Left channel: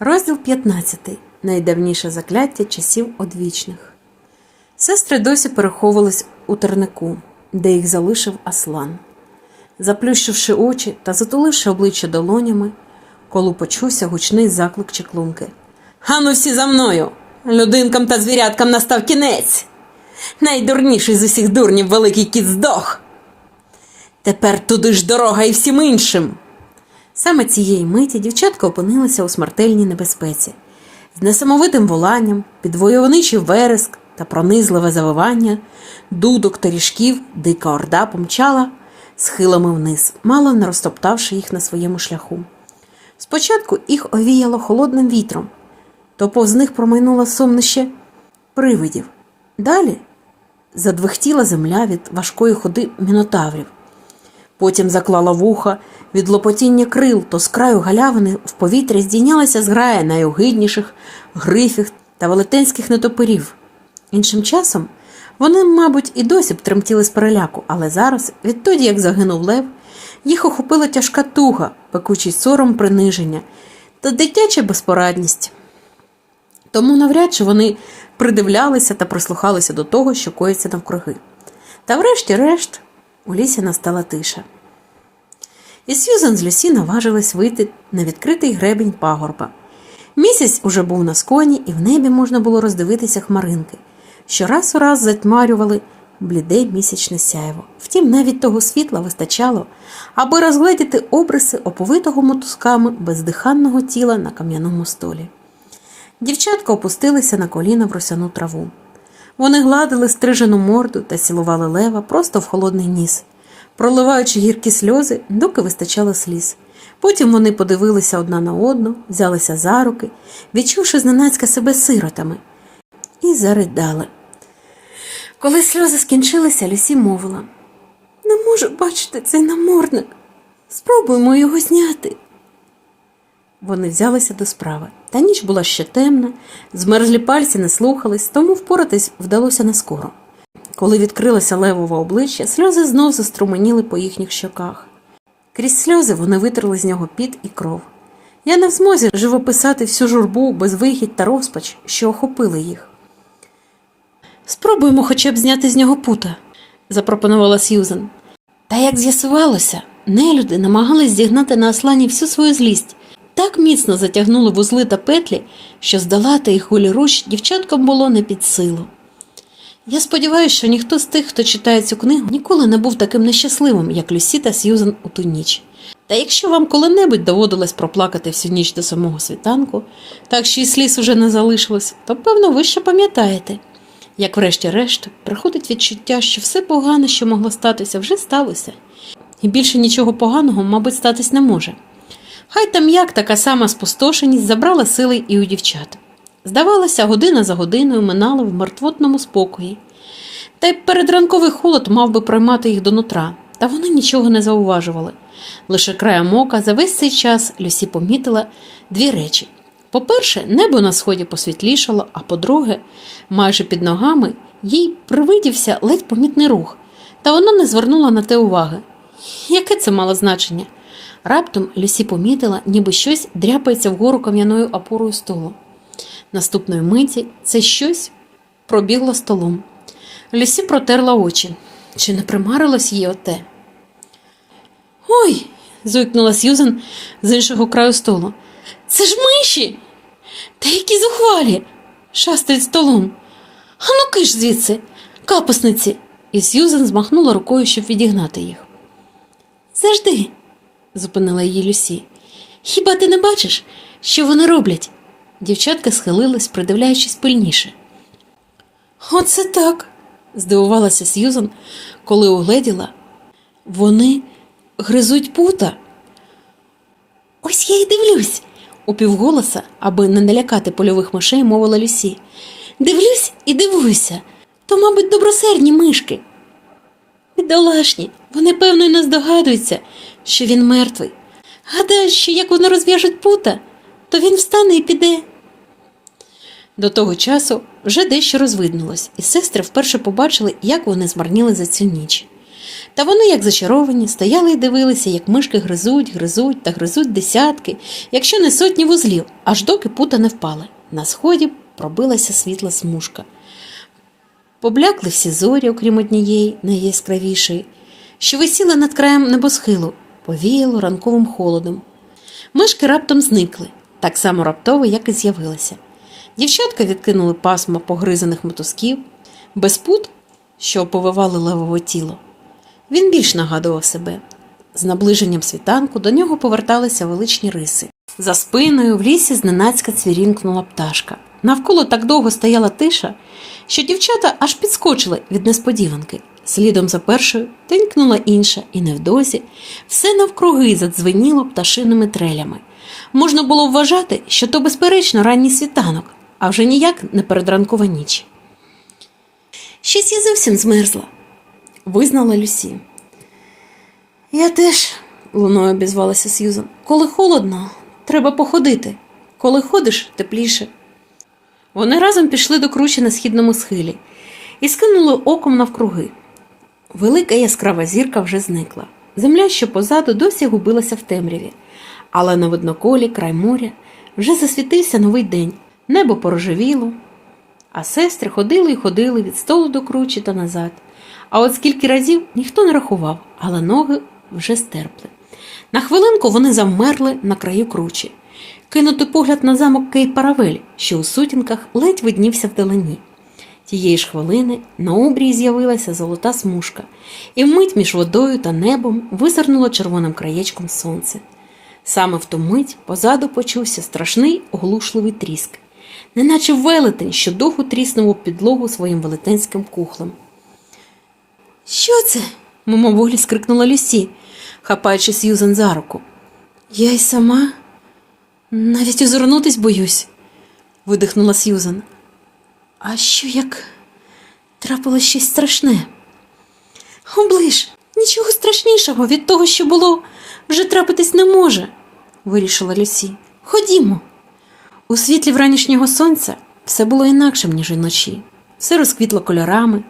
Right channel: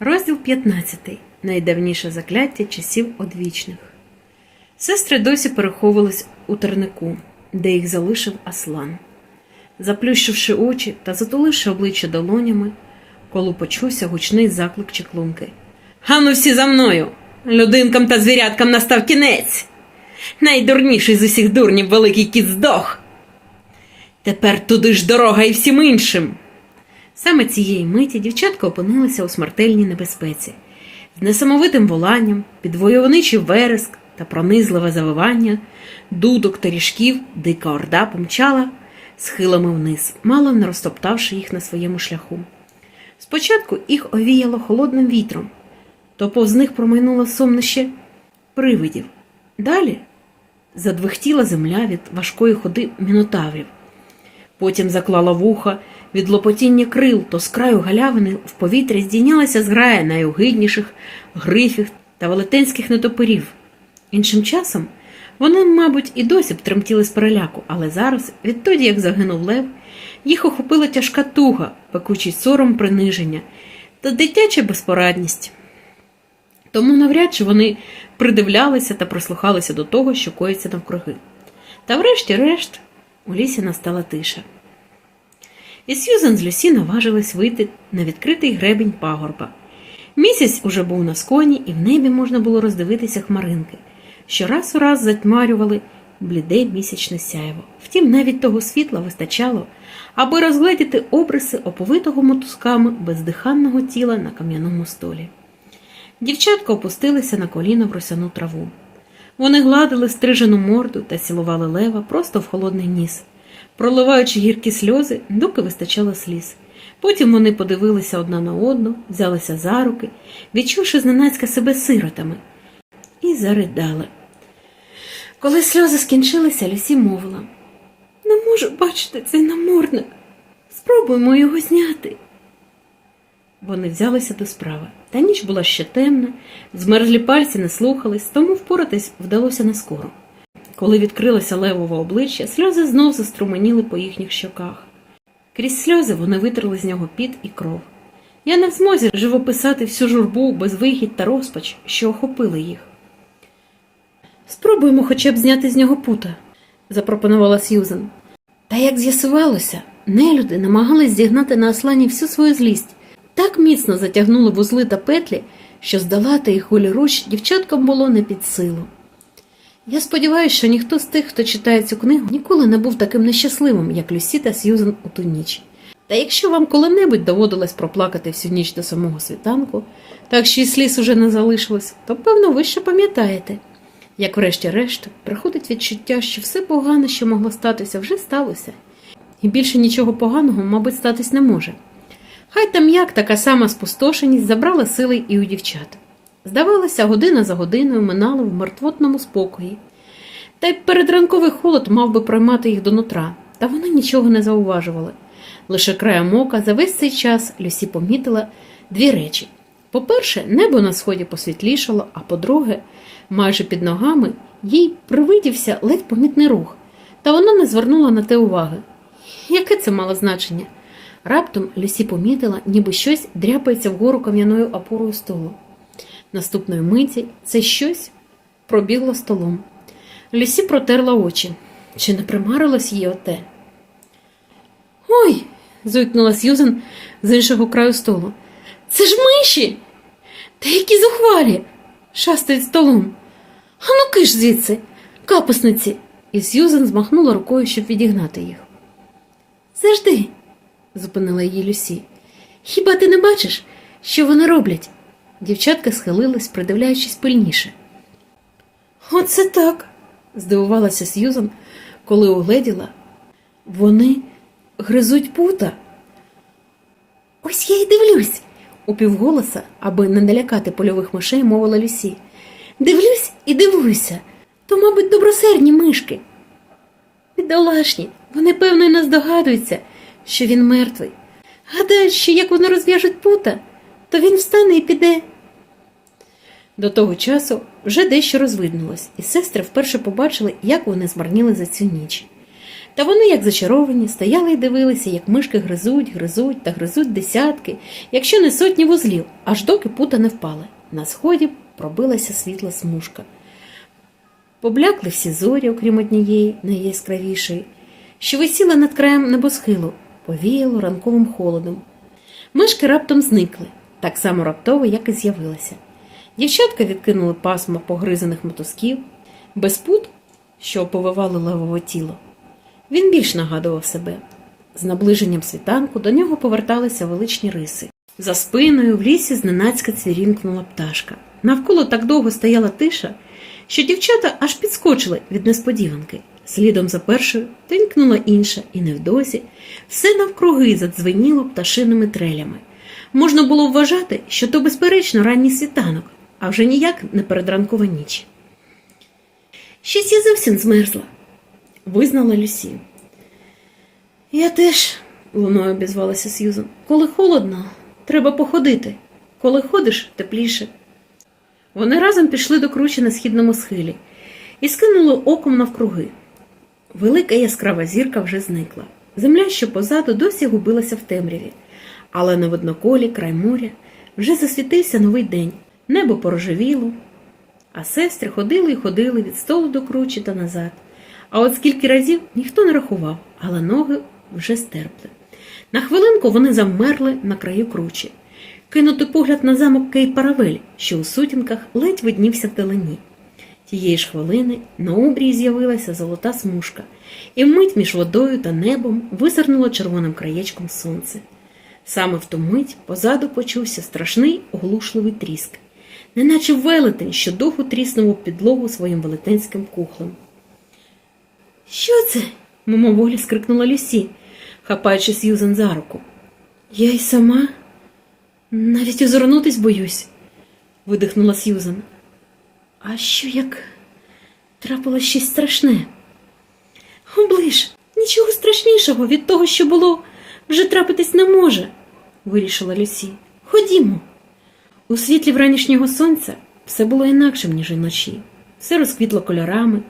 Розділ 15. Найдавніше закляття часів одвічних. Сестри досі переховувались у тернику, де їх залишив Аслан. Заплющивши очі та затуливши обличчя долонями, колу почувся гучний заклик чеклунки. Ану всі за мною! Людинкам та звіряткам настав кінець. Найдурніший з усіх дурнів великий кіт здох. Тепер туди ж дорога і всім іншим. Саме цієї миті дівчатка опинилася у смертельній небезпеці. З несамовитим воланням, під войовничий вереск та пронизливе завивання, дудок та ріжків дика орда помчала схилами вниз, мало не розтоптавши їх на своєму шляху. Спочатку їх овіяло холодним вітром, то повз них промайнуло сумнище привидів. Далі задвихтіла земля від важкої ходи мінотаврів. Потім заклала вуха від лопотіння крил, то з краю галявини в повітря здійнялася зграя найогидніших грифів та велетенських нетопирів. Іншим часом вони, мабуть, і досі б тремтіли з переляку, але зараз, відтоді як загинув лев, їх охопила тяжка туга, пекучий сором приниження та дитяча безпорадність. Тому навряд чи вони придивлялися та прислухалися до того, що коїться навкруги. Та врешті-решт у лісі настала тиша. І Сьюзен з Люсі наважилась вийти на відкритий гребінь пагорба. Місяць уже був на сконі, і в небі можна було роздивитися хмаринки, що раз у раз затьмарювали бліде місячне сяйво. Втім, навіть того світла вистачало, аби розгледіти обриси оповитого мотузками бездиханного тіла на кам'яному столі. Дівчатка опустилися на коліна в росяну траву. Вони гладили стрижену морду та цілували лева просто в холодний ніс, проливаючи гіркі сльози, доки вистачало сліз. Потім вони подивилися одна на одну, взялися за руки, відчувши зненацька себе сиротами, і заридали. Коли сльози скінчилися, Люсі мовила Не можу бачити цей намордник. Спробуємо його зняти. Вони взялися до справи. Та ніч була ще темна, змерзлі пальці не слухались, тому впоратись вдалося не скоро. Коли відкрилося левове обличчя, сльози знов заструменіли по їхніх щоках. Крізь сльози вони витерли з нього піт і кров. Я не в змозі живописати всю журбу, безвихідь та розпач, що охопили їх. Спробуємо хоча б зняти з нього пута, запропонувала Сьюзен. Та як з'ясувалося, нелюди намагались зігнати на Аслані всю свою злість, так міцно затягнули вузли та петлі, що здолати їх голіруч дівчаткам було не під силу. Я сподіваюся, що ніхто з тих, хто читає цю книгу, ніколи не був таким нещасливим, як Люсі та Сьюзен у ту ніч. Та якщо вам коли-небудь доводилось проплакати всю ніч до самого світанку, так що і сліз уже не залишилось, то певно ви ще пам'ятаєте. Як врешті-решт приходить відчуття, що все погане, що могло статися, вже сталося, і більше нічого поганого, мабуть, статись не може. Хай там як така сама спустошеність забрала сили і у дівчат. Здавалося, година за годиною минала в мертвотному спокої. Та й передранковий холод мав би проймати їх до нутра, та вони нічого не зауважували. Лише краєм ока за весь цей час Люсі помітила дві речі. По-перше, небо на сході посвітлішало, а по-друге, майже під ногами їй привидівся ледь помітний рух, та вона не звернула на те уваги. Яке це мало значення? Раптом Люсі помітила, ніби щось дряпається вгору кам'яною опорою столу. Наступної миті це щось пробігло столом. Люсі протерла очі. Чи не примарилось їй оте? Ой. зойкнула Сьюзен з іншого краю столу. Це ж миші. Та які зухвалі. шастають столом. Ану киш звідси, капусниці. І Сьюзен змахнула рукою, щоб відігнати їх. Завжди, зупинила її Люсі. Хіба ти не бачиш, що вони роблять? Дівчатка схилилась, придивляючись пильніше. Оце так, здивувалася Сьюзан, коли угледіла. Вони гризуть пута. Ось я й дивлюсь, упівголоса, аби не налякати польових мишей, мовила Люсі. Дивлюсь і дивуюся. То, мабуть, добросердні мишки. Бідолашні, вони, певно, й не здогадуються, що він мертвий. Гадають, що як вони розв'яжуть пута, то він встане і піде. До того часу вже дещо розвиднулось, і сестри вперше побачили, як вони змарніли за цю ніч. Та вони, як зачаровані, стояли і дивилися, як мишки гризуть, гризуть та гризуть десятки, якщо не сотні вузлів, аж доки пута не впали. На сході пробилася світла смужка. Поблякли всі зорі, окрім однієї, найяскравішої, що висіли над краєм небосхилу, повіяло ранковим холодом. Мишки раптом зникли, так само раптово, як і з'явилися. Дівчатка відкинули пасмо погризаних мотузків, без пут, що оповивали левове тіло. Він більш нагадував себе. З наближенням світанку до нього поверталися величні риси. За спиною в лісі зненацька цвірінкнула пташка. Навколо так довго стояла тиша, що дівчата аж підскочили від несподіванки. Слідом за першою тенькнула інша, і невдовзі все навкруги задзвеніло пташиними трелями. Можна було вважати, що то, безперечно, ранній світанок, а вже ніяк не передранкова ніч. Щось я зовсім змерзла, визнала Люсі. Я теж, луною обізвалася Сьюзан. Коли холодно, треба походити. Коли ходиш, тепліше. Вони разом пішли до кручі на східному схилі і скинули оком навкруги. Велика яскрава зірка вже зникла. Земля, що позаду, досі губилася в темряві, але на видноколі, край моря, вже засвітився новий день, небо порожевіло, а сестри ходили і ходили від столу до кручі та назад. А от скільки разів ніхто не рахував, але ноги вже стерпли. На хвилинку вони завмерли на краю кручі, кинути погляд на замок Кей-Паравель, що у сутінках ледь виднівся вдалині. Тієї ж хвилини на обрії з'явилася золота смужка, і вмить між водою та небом визирнуло червоним краєчком сонце. Саме в ту мить позаду почувся страшний оглушливий тріск, неначе велетень, що довго тріснув у підлогу своїм велетенським кухлем. Що це? мимоволі скрикнула Люсі, хапаючи Сьюзен за руку. Я й сама навіть озирнутись боюсь, видихнула Сьюзен. А що як трапилось щось страшне? Оближ, нічого страшнішого від того, що було, вже трапитись не може, вирішила Люсі. Ходімо. У світлі вранішнього сонця все було інакшим, ніж вночі. Все розквітло кольорами.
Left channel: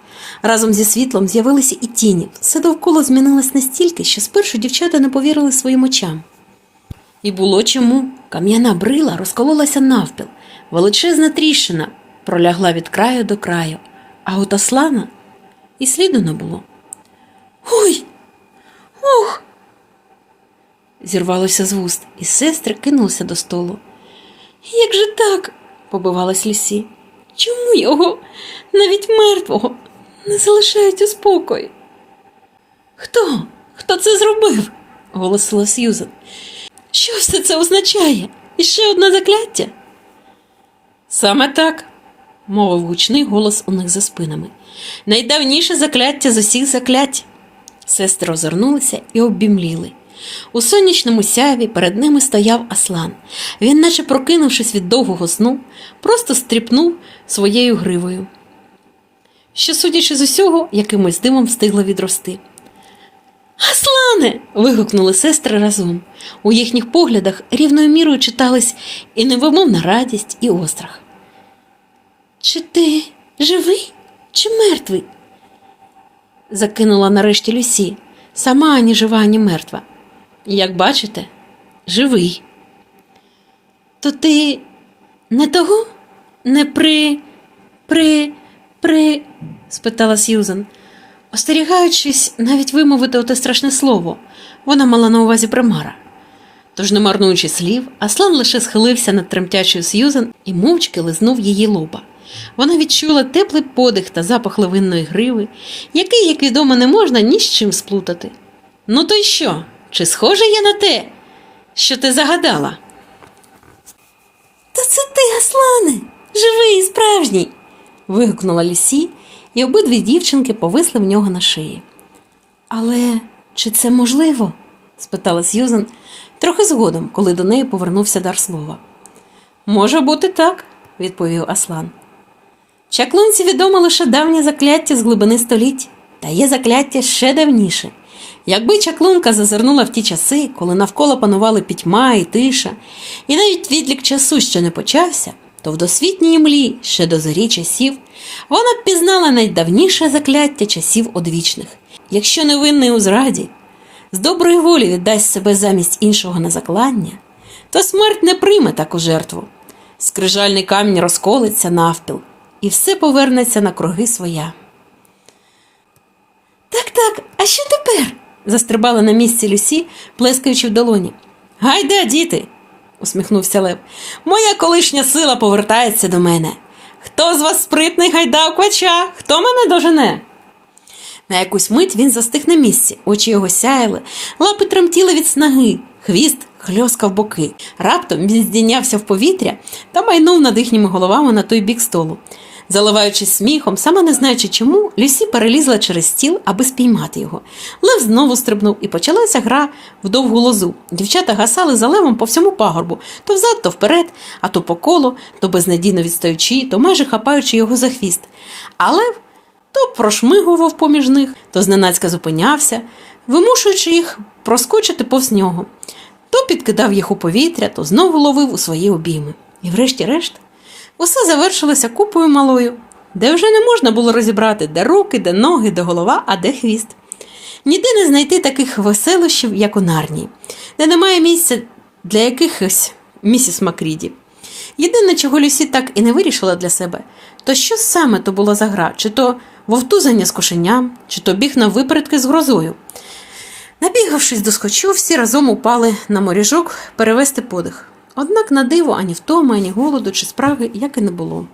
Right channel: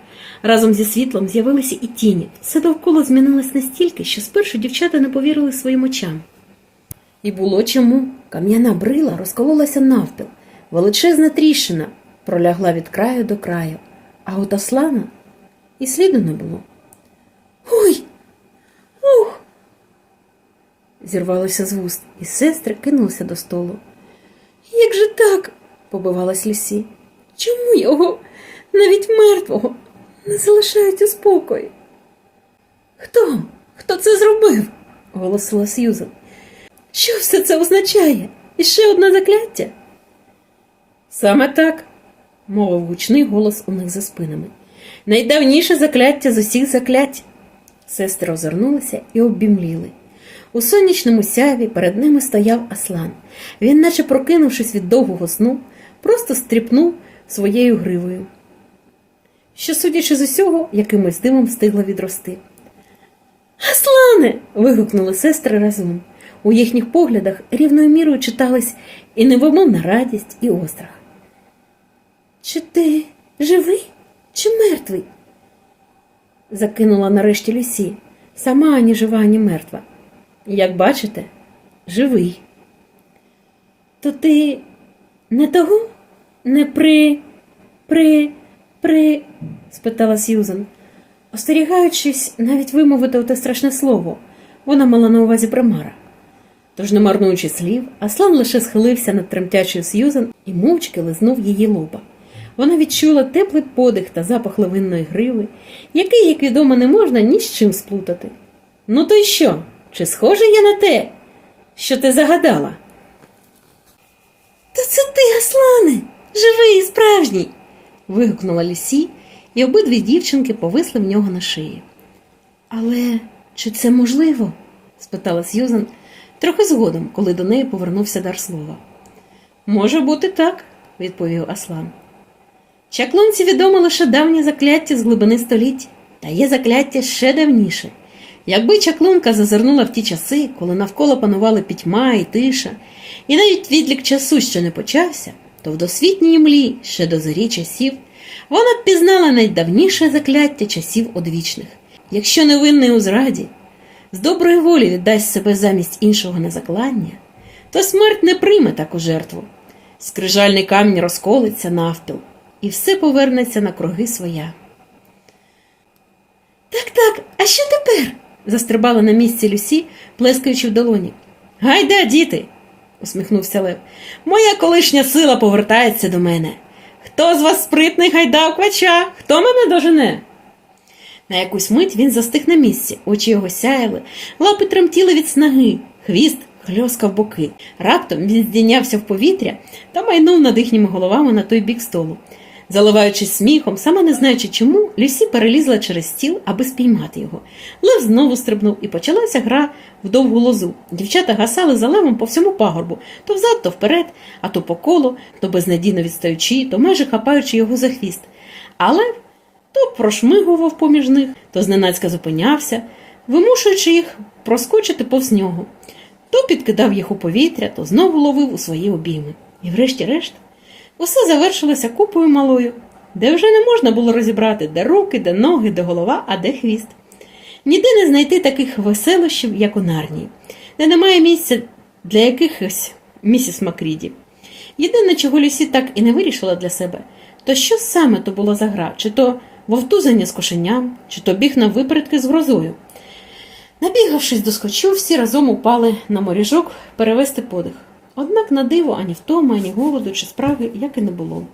Разом зі світлом з'явилися і тіні. Все довкола змінилось настільки, що спершу дівчата не повірили своїм очам. І було чому. Кам'яна брила розкололася навпіл, величезна тріщина пролягла від краю до краю, а от Аслана і сліду не було. Ой! Ох! Зірвалося з вуст, і сестри кинулися до столу. Як же так? побивалась Лісі. Чому його, навіть мертвого, не залишають у спокої? Хто? Хто це зробив? голосила Сьюзен. Що все це означає? І ще одне закляття? Саме так, мовив гучний голос у них за спинами. Найдавніше закляття з усіх заклять. Сестри озирнулися і оббімліли. У сонячному сяві перед ними стояв Аслан. Він, наче прокинувшись від довгого сну, просто стріпнув своєю гривою, що, судячи з усього, якимось димом встигло відрости. Аслане. вигукнули сестри разом. У їхніх поглядах рівною мірою читались і невимовна радість, і острах. Чи ти живий, чи мертвий? закинула нарешті Люсі, сама ані жива, ані мертва. Як бачите, живий. То ти не того? Не при, при, при. спитала Сьюзен. Остерігаючись навіть вимовити оте страшне слово, вона мала на увазі примара. Тож, не марнуючи слів, Аслан лише схилився над тремтячою Сьюзен і мовчки лизнув її лоба. Вона відчула теплий подих та запах лавинної гриви, який, як відомо, не можна ні з чим сплутати. Ну, то й що? Чи схоже я на те, що ти загадала? То це ти, Аслане, живий і справжній. вигукнула Лісі, і обидві дівчинки повисли в нього на шиї. Але чи це можливо? спитала Сьюзен трохи згодом, коли до неї повернувся дар слова. Може бути так, відповів Аслан. Чаклунці відомо лише давнє закляття з глибини століть, та є закляття ще давніше. Якби чаклунка зазирнула в ті часи, коли навколо панували пітьма і тиша, і навіть відлік часу ще не почався, то в досвітній млі ще до зорі часів вона б пізнала найдавніше закляття часів одвічних. якщо невинний у зраді, з доброї волі віддасть себе замість іншого на заклання, то смерть не прийме таку жертву. Скрижальний камінь розколиться навпіл, і все повернеться на круги своя. Так, так, а що тепер? Застрибала на місці Люсі, плескаючи в долоні. Гайда, діти, усміхнувся Лев. Моя колишня сила повертається до мене. Хто з вас спритний гайда квача? Хто мене дожене? На якусь мить він застиг на місці, очі його сяяли, лапи тремтіли від снаги, хвіст хльоскав боки. Раптом він здійнявся в повітря та майнув над їхніми головами на той бік столу. Заливаючись сміхом, сама не знаючи чому, Люсі перелізла через стіл, аби спіймати його. Лев знову стрибнув і почалася гра в довгу лозу. Дівчата гасали за левом по всьому пагорбу, то взад, то вперед, а то по колу, то безнадійно відстаючи, то майже хапаючи його за хвіст. А лев то прошмигував поміж них, то зненацька зупинявся, вимушуючи їх проскочити повз нього. То підкидав їх у повітря, то знову ловив у свої обійми. І врешті-решт усе завершилося купою малою, де вже не можна було розібрати, де руки, де ноги, де голова, а де хвіст. Ніде не знайти таких веселощів, як у Нарнії, де немає місця для якихось місіс Макріді. Єдине, чого Люсі так і не вирішила для себе, то що саме то було за гра, чи то вовтузання з кошеням, чи то біг на випередки з грозою. Набігавшись до скочу, всі разом упали на моріжок перевести подих. Однак на диво ані втоми, ані голоду чи спраги як і не було.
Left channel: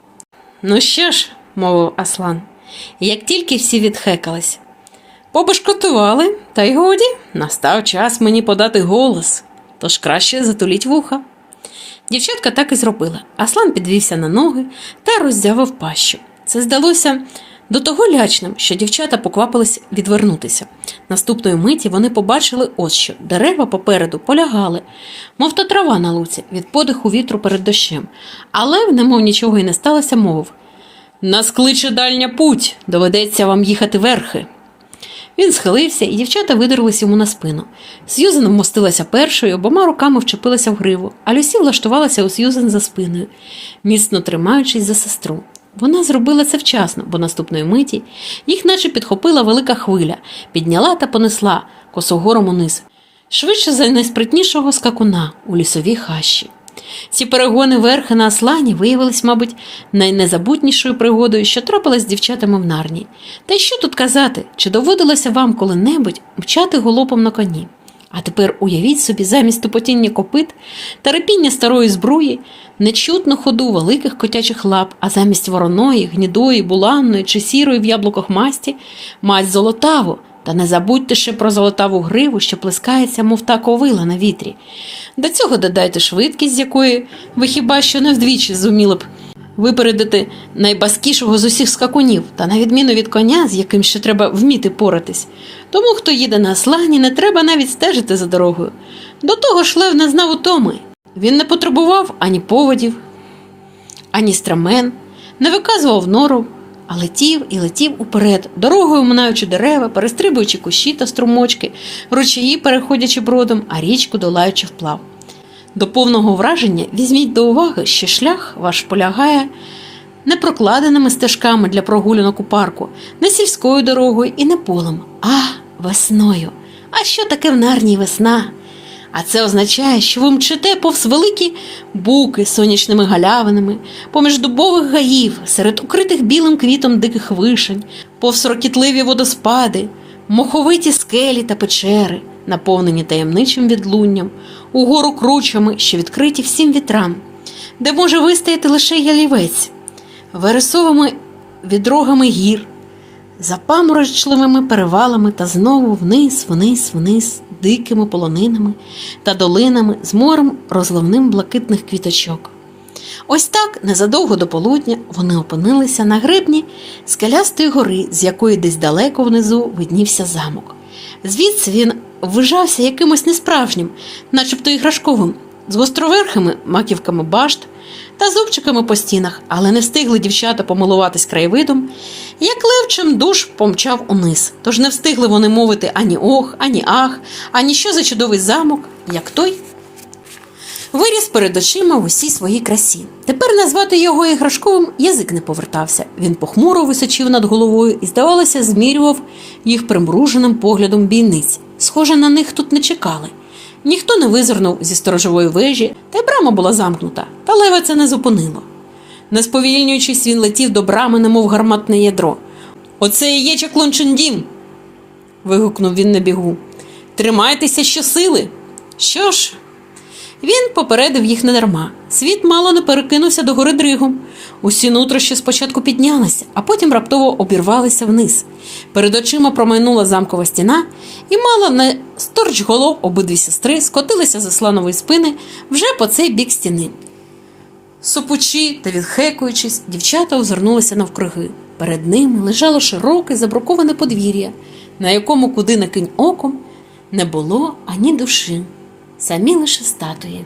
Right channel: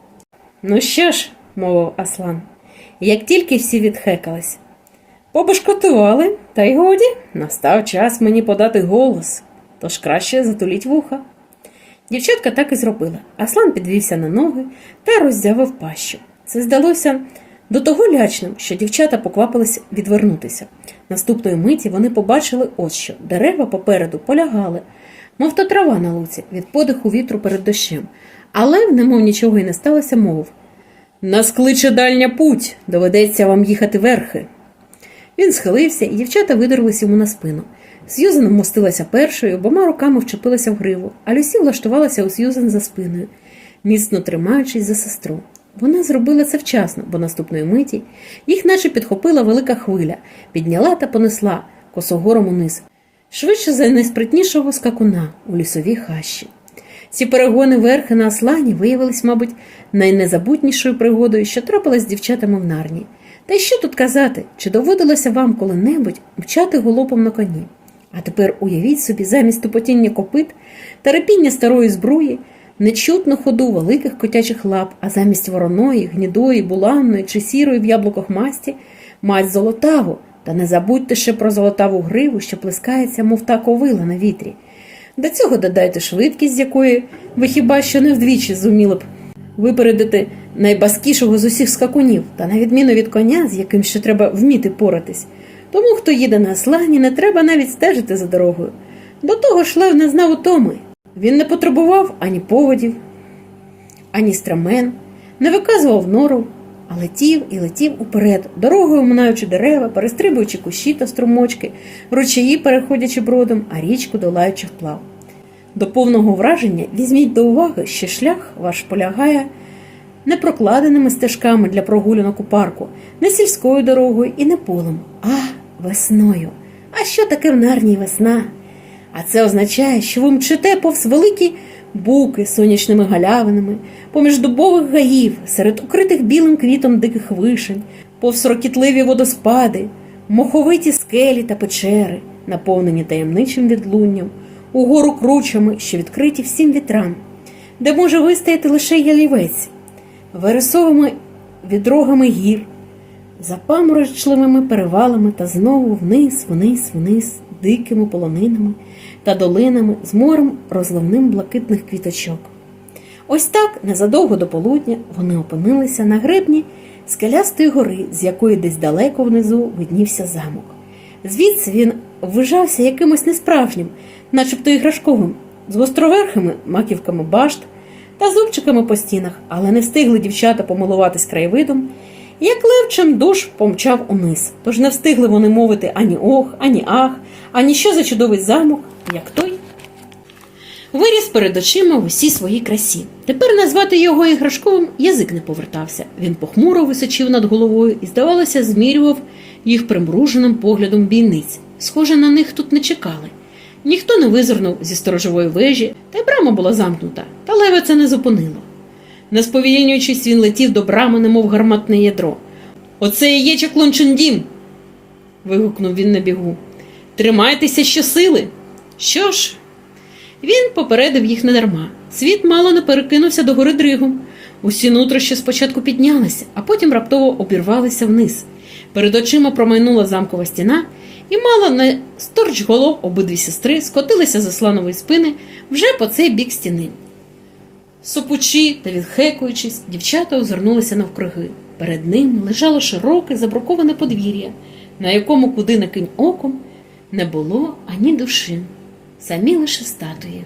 Ну що ж, мовив Аслан, як тільки всі відхекались. Побешкотували, та й годі, настав час мені подати голос, тож краще затуліть вуха. Дівчатка так і зробила. Аслан підвівся на ноги та роздявив пащу. Це здалося до того лячним, що дівчата поквапились відвернутися. Наступної миті вони побачили ось що дерева попереду полягали, мов та трава на луці від подиху вітру перед дощем. А лев, немов нічого й не сталося, мовив Нас кличе дальня путь, доведеться вам їхати верхи. Він схилився, і дівчата видерлись йому на спину. Сьюзен вмостилася першою, обома руками вчепилася в гриву, а Люсі влаштувалася у Сьюзен за спиною, міцно тримаючись за сестру. Вона зробила це вчасно, бо наступної миті їх наче підхопила велика хвиля, підняла та понесла косогором униз, швидше за найспритнішого скакуна у лісовій хащі. Ці перегони верхи на Аслані виявились, мабуть, найнезабутнішою пригодою, що трапилась з дівчатами в нарні. Та й що тут казати, чи доводилося вам коли-небудь мчати голопом на коні? А тепер уявіть собі, замість тупотіння копит та репіння старої збруї, нечутну ходу великих котячих лап, а замість вороної, гнідої, буланної чи сірої в яблуках масті, мать золотаву, та не забудьте ще про золотаву гриву, що плескається, мов та ковила на вітрі. До цього додайте швидкість, з якої ви хіба що не вдвічі зуміли б випередити найбаскішого з усіх скакунів, та на відміну від коня, з яким ще треба вміти поратись. Тому, хто їде на слані, не треба навіть стежити за дорогою. До того ж Лев не знав утоми. Він не потребував ані поводів, ані страмен, не виказував нору, а летів і летів уперед, дорогою минаючи дерева, перестрибуючи кущі та струмочки, ручаї переходячи бродом, а річку долаючи вплав. До повного враження візьміть до уваги, що шлях ваш полягає не прокладеними стежками для прогулянок у парку, не сільською дорогою і не полем, а весною. А що таке в нарній весна? А це означає, що ви мчите повз великі буки з сонячними галявинами, поміж дубових гаїв, серед укритих білим квітом диких вишень, повз рокітливі водоспади, моховиті скелі та печери, наповнені таємничим відлунням, угору кручами, що відкриті всім вітрам, де може вистояти лише ялівець, вересовими відрогами гір, запаморочливими перевалами та знову вниз, вниз, вниз, дикими полонинами та долинами з морем розливним блакитних квіточок. Ось так, незадовго до полудня, вони опинилися на гребні скелястої гори, з якої десь далеко внизу виднівся замок. Звідси він ввижався якимось несправжнім, начебто іграшковим, з гостроверхими маківками башт та зубчиками по стінах, але не встигли дівчата помилуватись краєвидом, як левчим душ помчав униз. Тож не встигли вони мовити ані ох, ані ах, ані що за чудовий замок, як той виріс перед очима в усій своїй красі. Тепер назвати його іграшковим язик не повертався. Він похмуро височив над головою і, здавалося, змірював їх примруженим поглядом бійниць. Схоже, на них тут не чекали. Ніхто не визирнув зі сторожової вежі, та й брама була замкнута, та лева це не зупинило. Не сповільнюючись, він летів до брами, немов гарматне ядро. Оце і є Чаклунчундім. вигукнув він на бігу. Тримайтеся щосили. Що ж? Він попередив їх недарма. Світ мало не перекинувся до гори дригом. Усі нутрощі спочатку піднялися, а потім раптово обірвалися вниз. Перед очима промайнула замкова стіна, і мало не сторч голов обидві сестри скотилися за сланової спини вже по цей бік стіни. Сопучі та відхекуючись, дівчата озирнулися навкруги. Перед ними лежало широке забруковане подвір'я, на якому куди не кинь оком не було ані душі, самі лише статуї.